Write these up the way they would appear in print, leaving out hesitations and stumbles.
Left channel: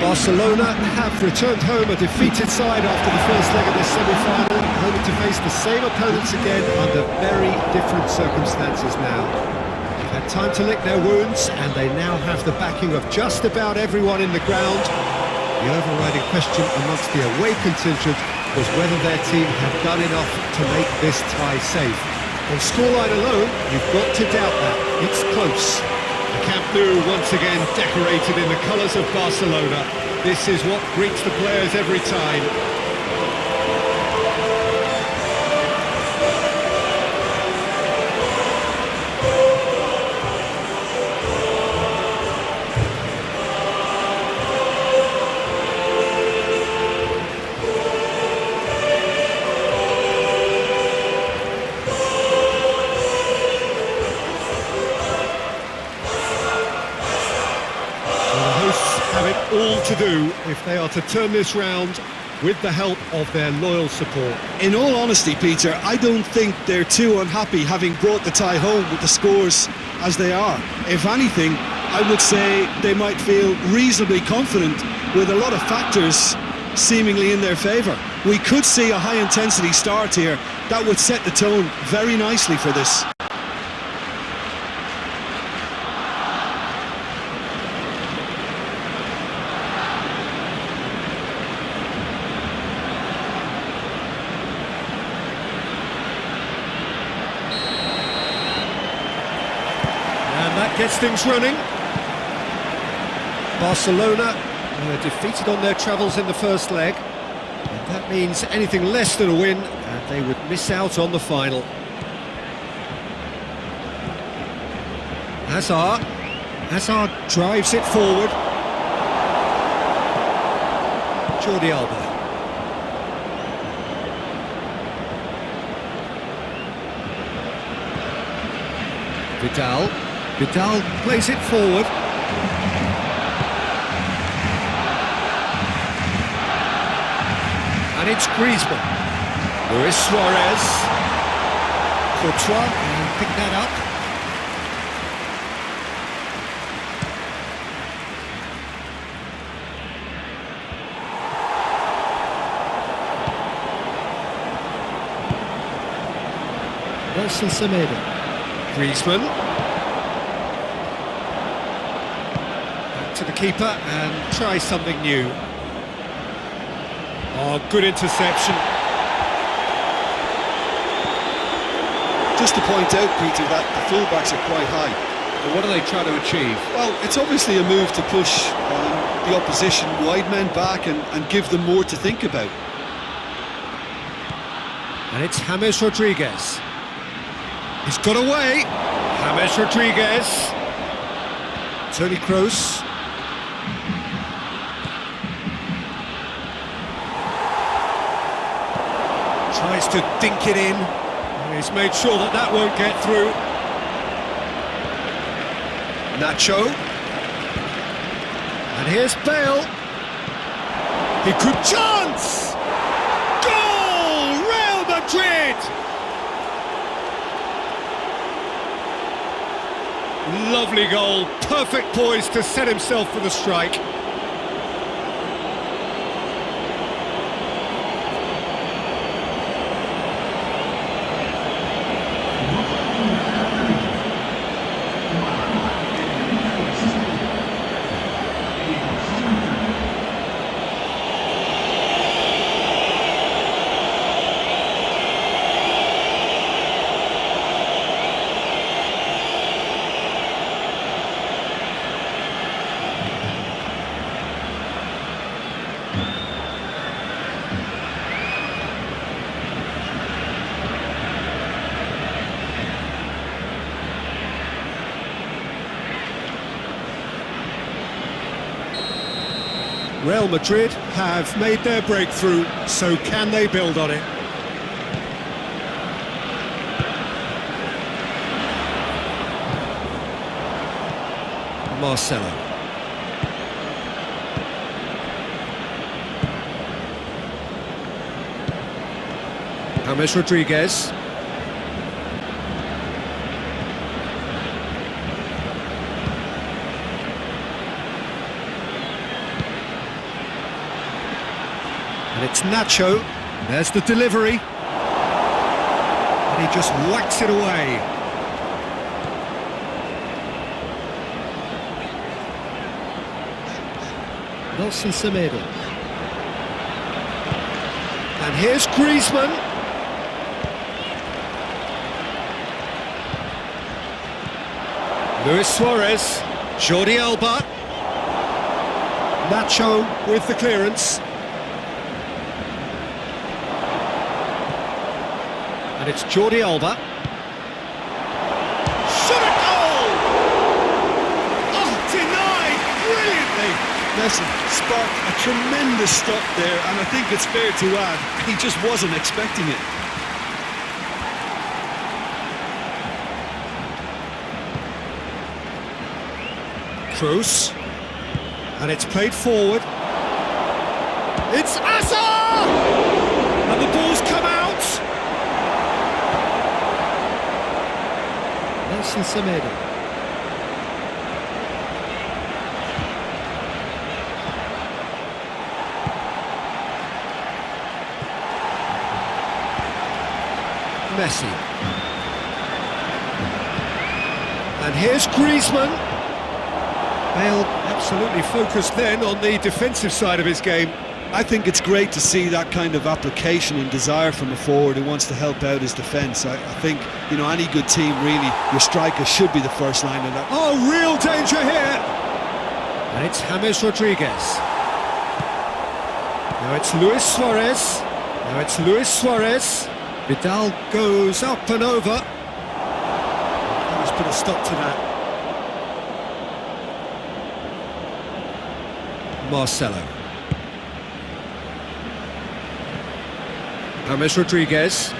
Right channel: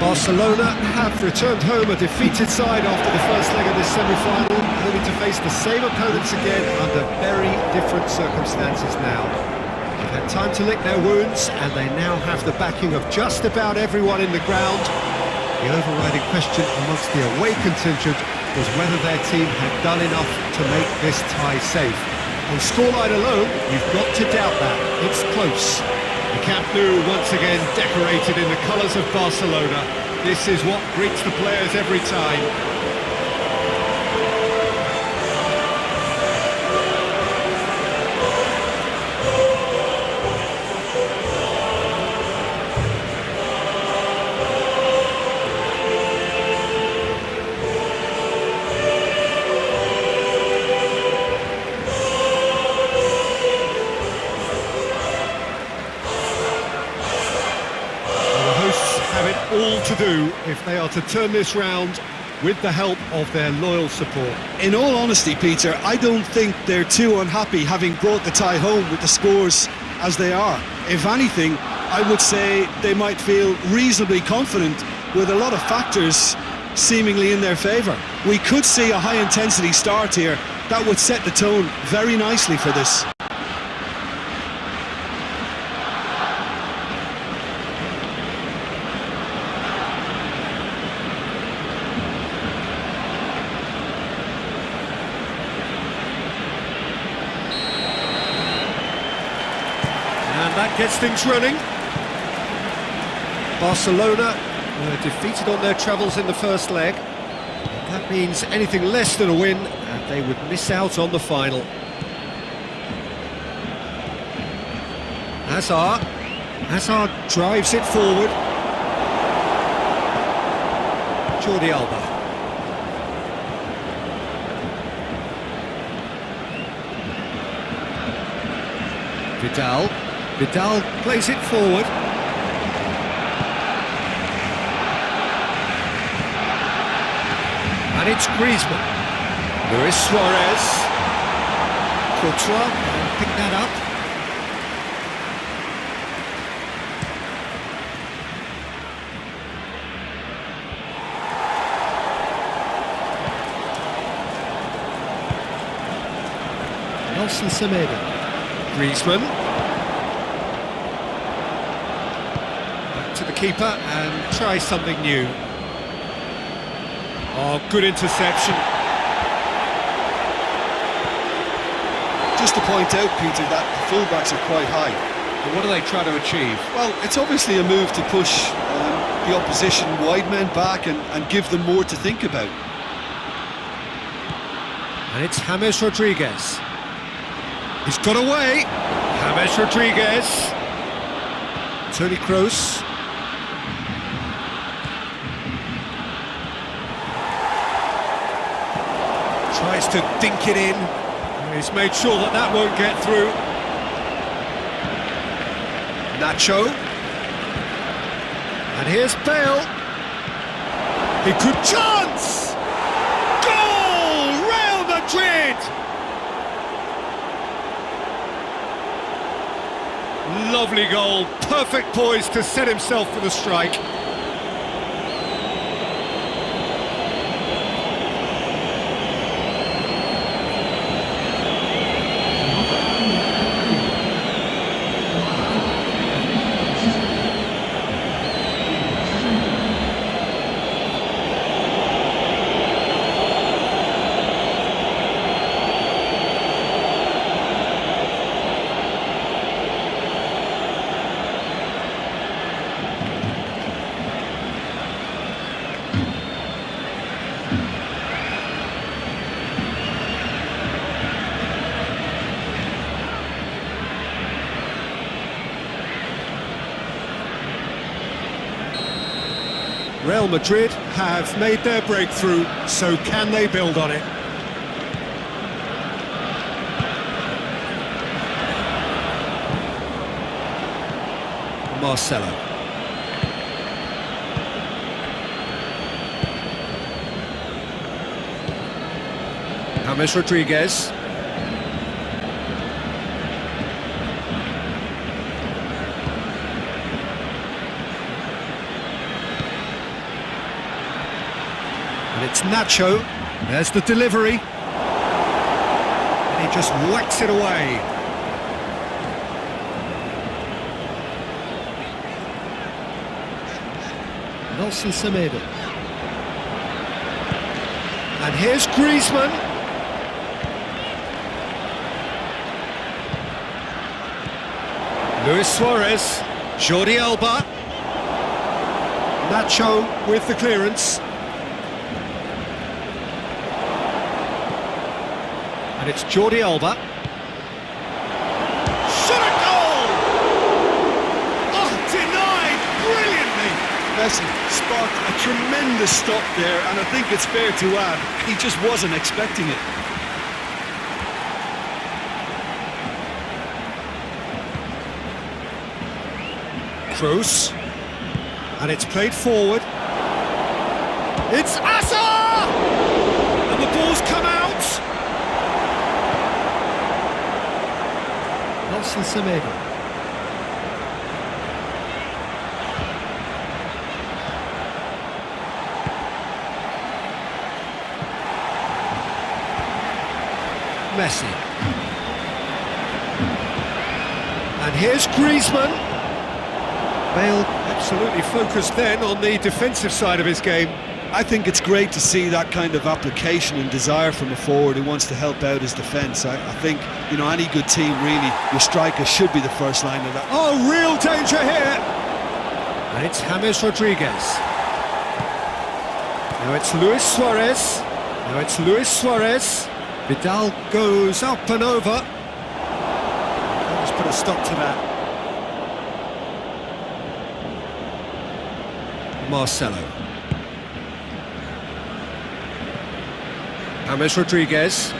Barcelona have returned home a defeated side after the first leg of this semi-final, only to face the same opponents again under very different circumstances now. They've had time to lick their wounds, and they now have the backing of just about everyone in the ground. The overriding question amongst the away contingent was whether their team had done enough to make this tie safe. On scoreline alone, you've got to doubt that. It's close. The Camp Nou once again decorated in the colours of Barcelona. This is what greets the players every time. Well, the hosts have it all to do if they are to turn this round with the help of their loyal support. In all honesty, Peter, I don't think they're too unhappy having brought the tie home with the scores as they are. If anything, I would say they might feel reasonably confident with a lot of factors seemingly in their favour. We could see a high-intensity start here that would set the tone very nicely for this. And that gets things running. Barcelona were defeated on their travels in the first leg. And that means anything less than a win, and they would miss out on the final. Hazard drives it forward. Jordi Alba. Vidal plays it forward. And it's Griezmann. Luis Suarez. Courtois can pick that up. Nelson Semedo. Griezmann. Back to the keeper and try something new. Oh, good interception. Just to point out, Peter, that the fullbacks are quite high. And what are they trying to achieve? Well, it's obviously a move to push the opposition wide men back and give them more to think about. And it's James Rodriguez. He's got away. James Rodriguez. Toni Kroos. Tries to dink it in. He's made sure that that won't get through. Nacho. And here's Bale. He could chance! Goal! Real Madrid! Lovely goal, perfect poise to set himself for the strike. Real Madrid have made their breakthrough, so can they build on it? Marcelo. James Rodriguez. And it's Nacho. There's the delivery. And he just whacks it away. Nelson Semedo. And here's Griezmann. Luis Suarez. Jordi Alba. Nacho with the clearance. And it's Jordi Alba. Shot at goal! Oh, denied brilliantly! Messi sparked a tremendous stop there, and I think it's fair to add, he just wasn't expecting it. Kroos. And it's played forward. It's Asa! And the ball's come out! Nelson Semedo. Messi. And here's Griezmann. Bale absolutely focused then on the defensive side of his game. I think it's great to see that kind of application and desire from a forward who wants to help out his defence. I think, you know, any good team, really, your striker should be the first line of that. Oh, real danger here! And it's James Rodriguez. Now it's Luis Suarez. Now it's Luis Suarez. Vidal goes up and over. That has put a stop to that. Marcelo. James Rodriguez.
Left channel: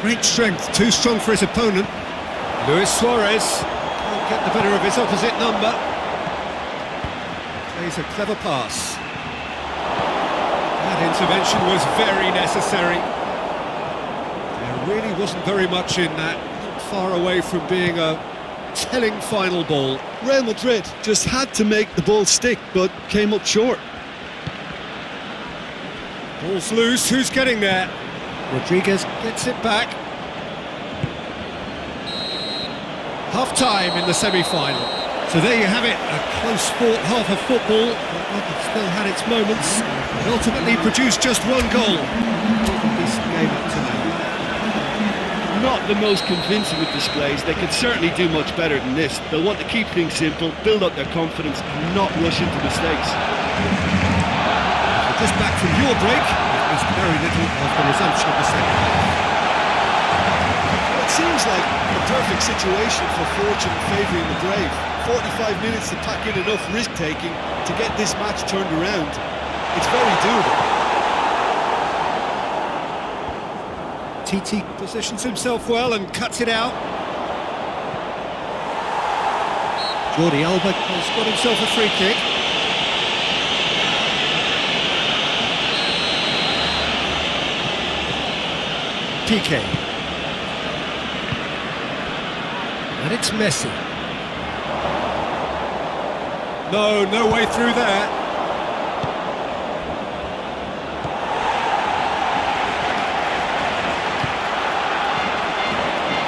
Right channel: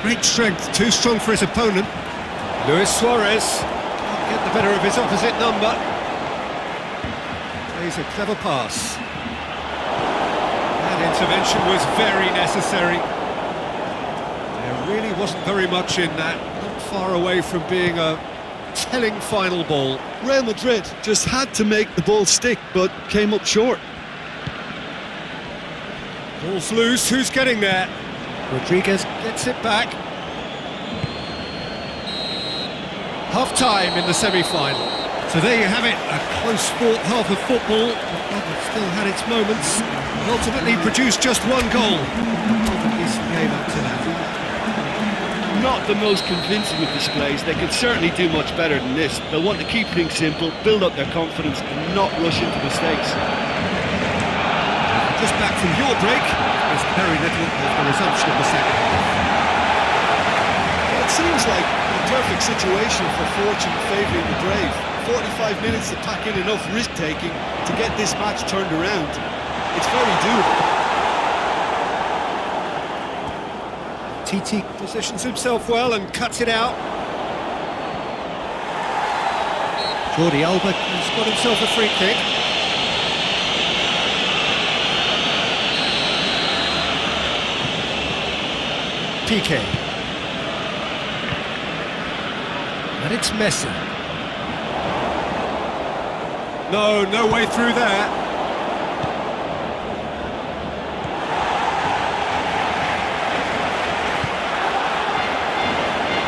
Great strength, too strong for his opponent. Luis Suarez can't get the better of his opposite number. Plays a clever pass. That intervention was very necessary. There really wasn't very much in that, not far away from being a telling final ball. Real Madrid just had to make the ball stick, but came up short. Ball's loose, who's getting there? Rodriguez gets it back. Half-time in the semi-final. So there you have it, a close-fought half of football, but one that still had its moments, but ultimately produced just one goal. More than decent game up to now. Not the most convincing of displays. They could certainly do much better than this. They'll want to keep things simple, build up their confidence and not rush into mistakes. If you're just back from your break, you've missed very little of the resumption of the second half. Well, it seems like the perfect situation for fortune favouring the brave. 45 minutes to pack in enough risk-taking to get this match turned around. It's very doable. Titi positions himself well and cuts it out. Jordi Alba has got himself a free kick. PK. And it's Messi. No way through there.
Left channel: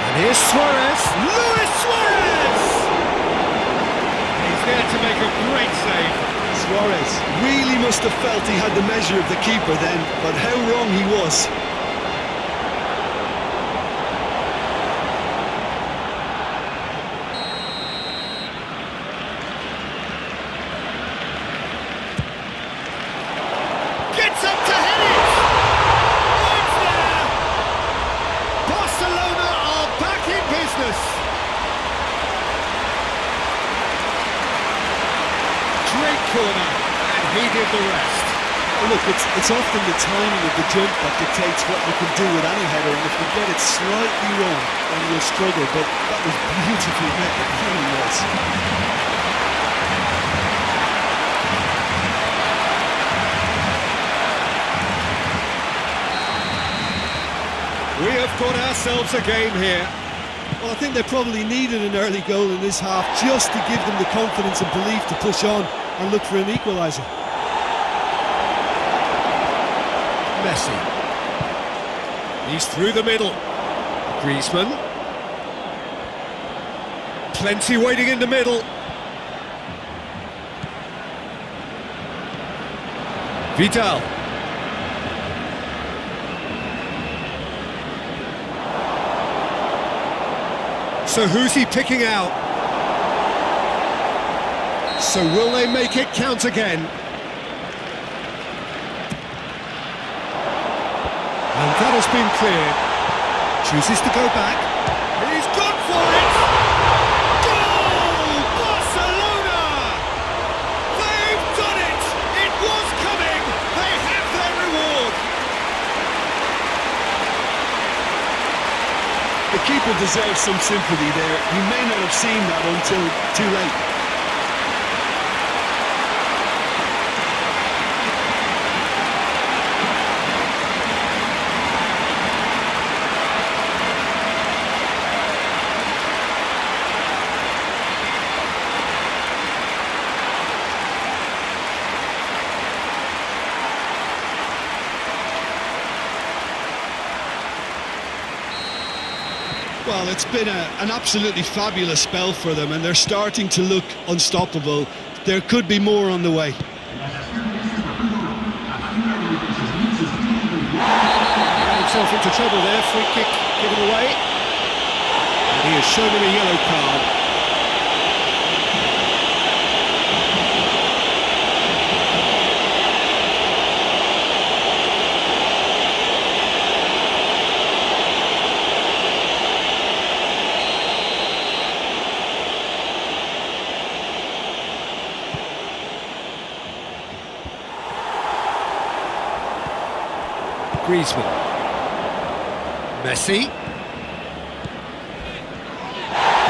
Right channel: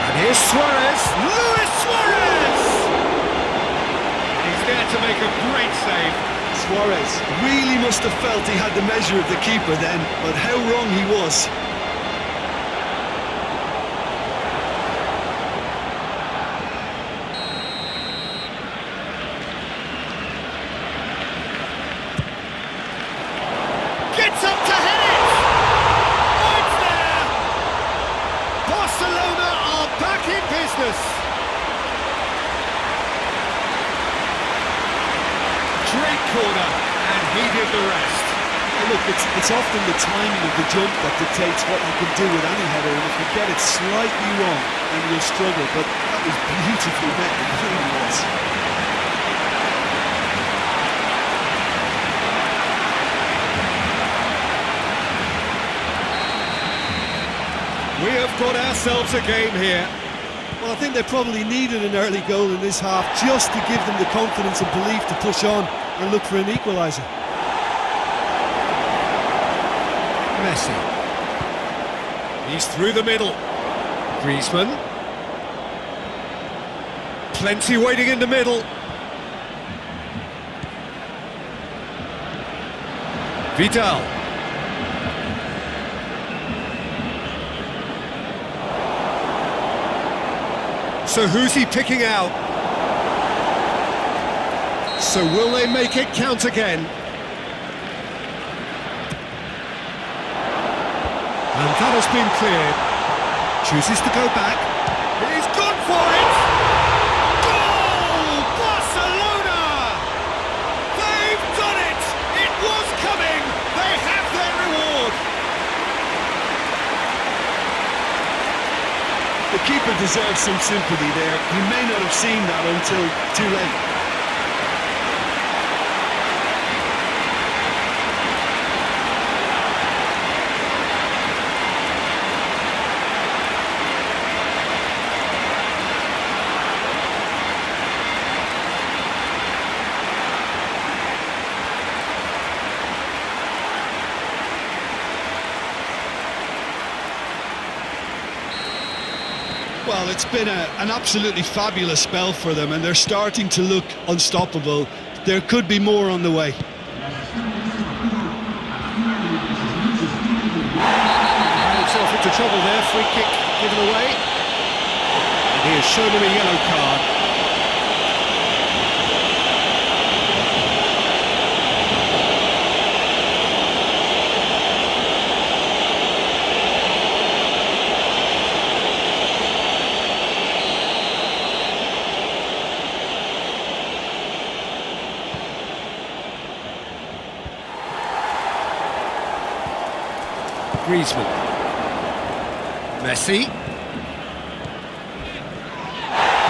And here's Suarez, Luis Suarez! And he's there to make a great save. Suarez really must have felt he had the measure of the keeper then, but how wrong he was. Gets up to head it! Oh, it's there! Barcelona are back in business! Great corner, and he did the rest. Well, look, it's often the timing of the jump that dictates what you can do with any header, and if you get it slightly wrong, then you'll struggle, but that was beautifully met, it really was. We have got ourselves a game here. Well, I think they probably needed an early goal in this half just to give them the confidence and belief to push on and look for an equaliser. Messi. He's through the middle. Griezmann. Plenty waiting in the middle. Vidal. So who's he picking out? So will they make it count again? And that has been cleared. Chooses to go back. He's gone for it! Goal! Barcelona! They've done it! It was coming! They have their reward! The keeper deserves some sympathy there. He may not have seen that until too late. Well, it's been an absolutely fabulous spell for them, and they're starting to look unstoppable. There could be more on the way. Ran himself into trouble there, free kick given away. And he has shown him a yellow card. Griezmann. Messi.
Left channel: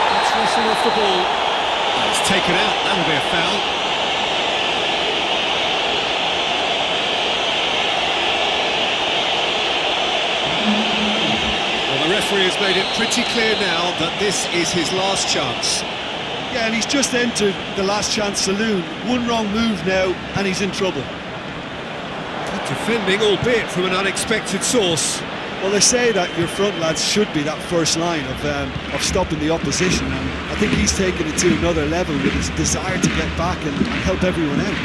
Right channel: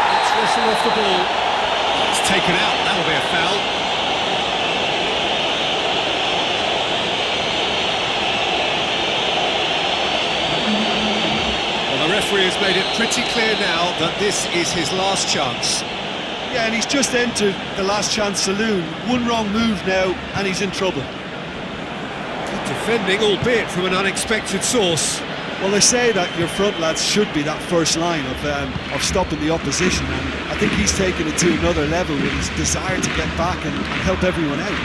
Gets wrestled off the ball. Oh, it's taken out. That'll be a foul. Well, the referee has made it pretty clear now that this is his last chance. Yeah, and he's just entered the last chance saloon. One wrong move now, and he's in trouble. Good defending, albeit from an unexpected source. Well, they say that your front lads should be that first line of stopping the opposition, and I think he's taken it to another level with his desire to get back and help everyone out.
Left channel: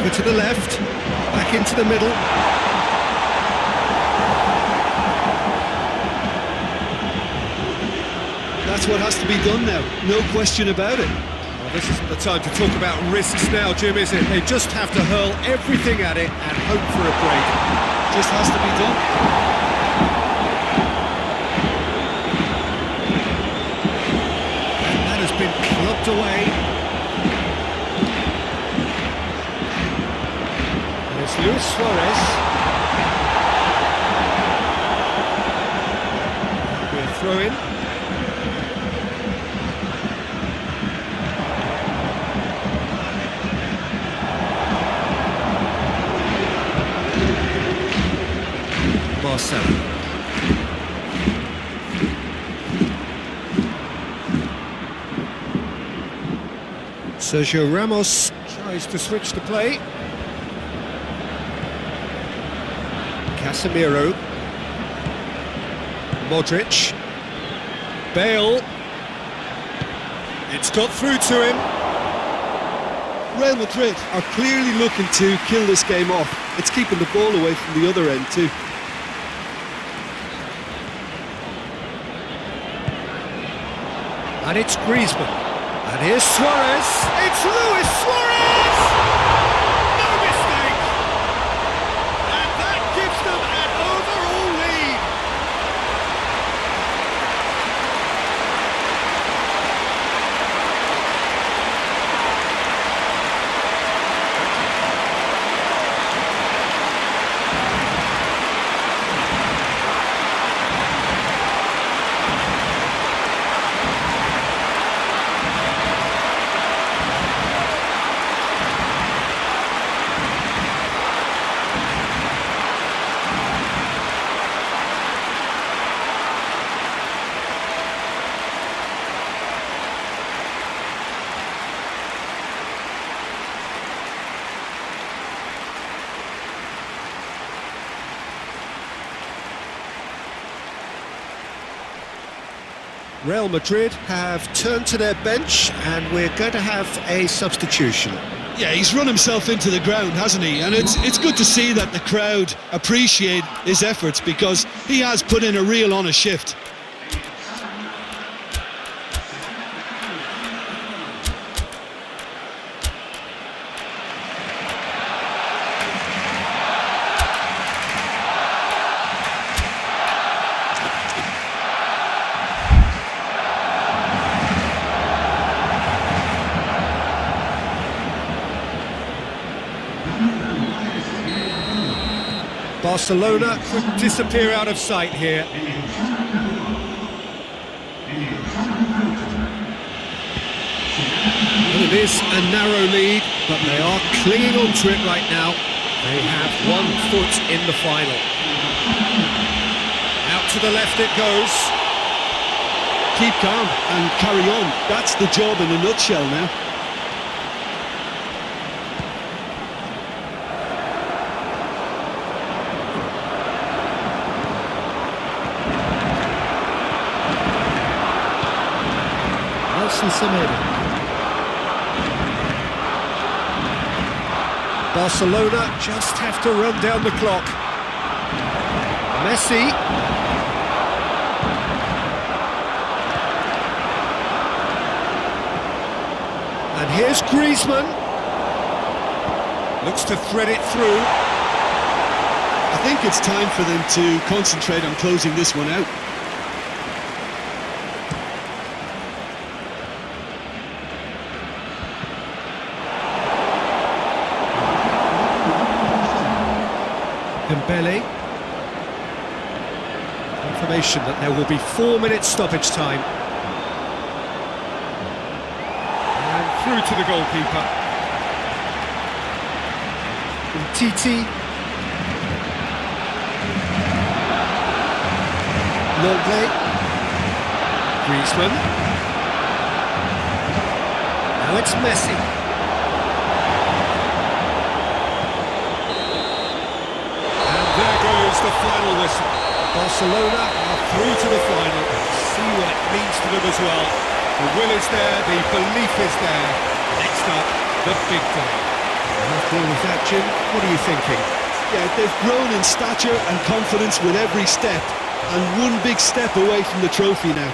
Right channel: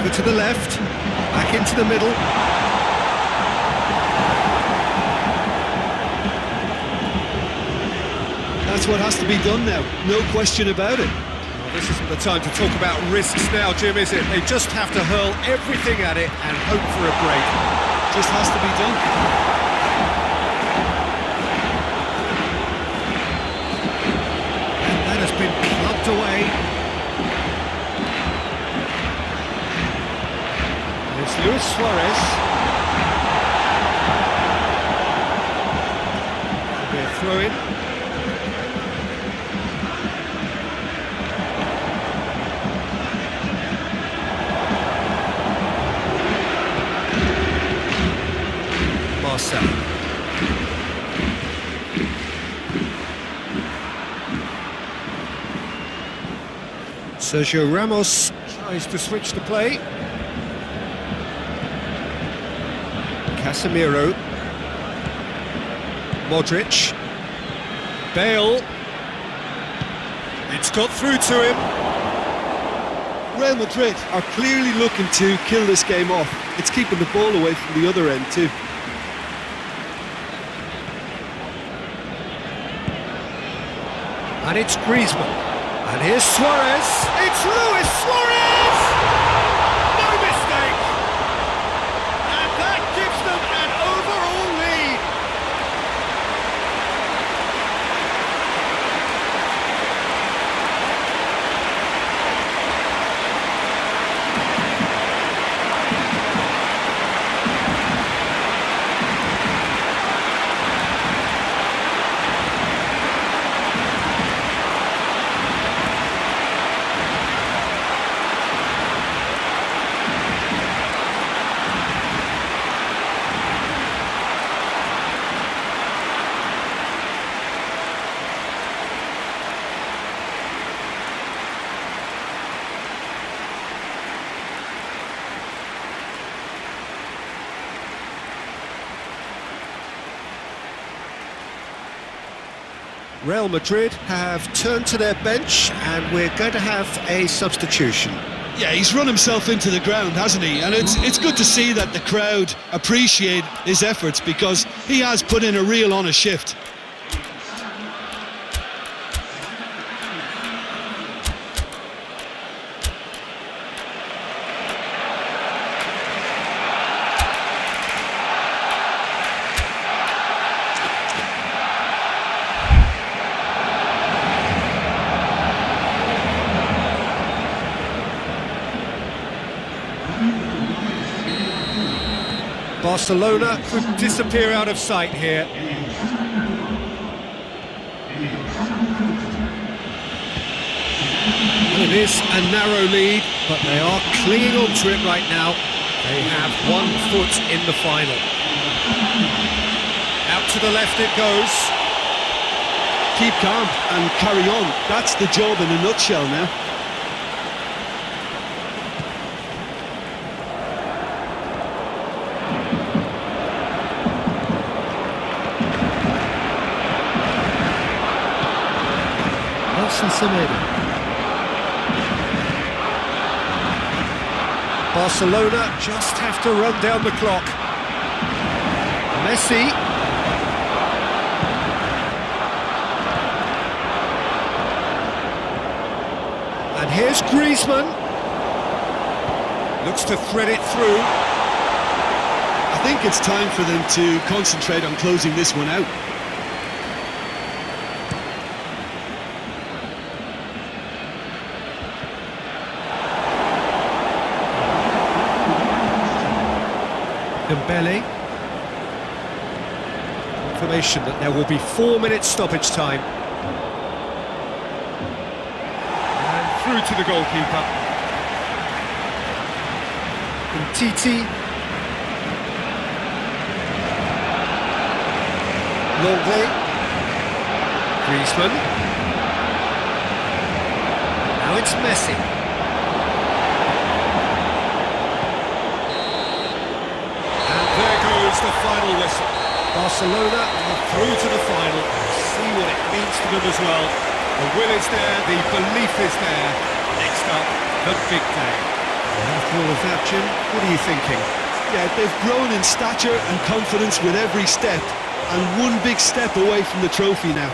Over to the left, back into the middle. That's what has to be done now, no question about it. Well, this isn't the time to talk about risks now, Jim, is it? They just have to hurl everything at it and hope for a break. Just has to be done. And that has been clubbed away. And it's Luis Suarez. It'll be a throw-in. Marcelo. Sergio Ramos tries to switch the play. Casemiro. Modric. Bale. It's got through to him. Real Madrid are clearly looking to kill this game off. It's keeping the ball away from the other end too. And it's Griezmann. And here's Suarez. It's Luis Suarez! No mistake! And that gives them an overall lead. Real Madrid have turned to their bench and we're going to have a substitution. Yeah, he's run himself into the ground, hasn't he? And it's good to see that the crowd appreciate his efforts because he has put in a real honest shift. Barcelona could disappear out of sight here. Well, it is a narrow lead, but they are clinging on to it right now. They have 1 foot in the final. Out to the left it goes. Keep calm and carry on. That's the job in a nutshell now. Nelson Semedo. Barcelona just have to run down the clock. Messi. And here's Griezmann. Looks to thread it through. I think it's time for them to concentrate on closing this one out. Dembele. Confirmation that there will be 4 minutes stoppage time. And through to the goalkeeper. Titi. Longley. Griezmann. Now it's Messi. And there goes the final whistle. Barcelona are through to the final. See what it means to them as well. The will is there, the belief is there. Next up, the big day. And after all of that, Jim, what are you thinking? Yeah, they've grown in stature and confidence with every step, and one big step away from the trophy now.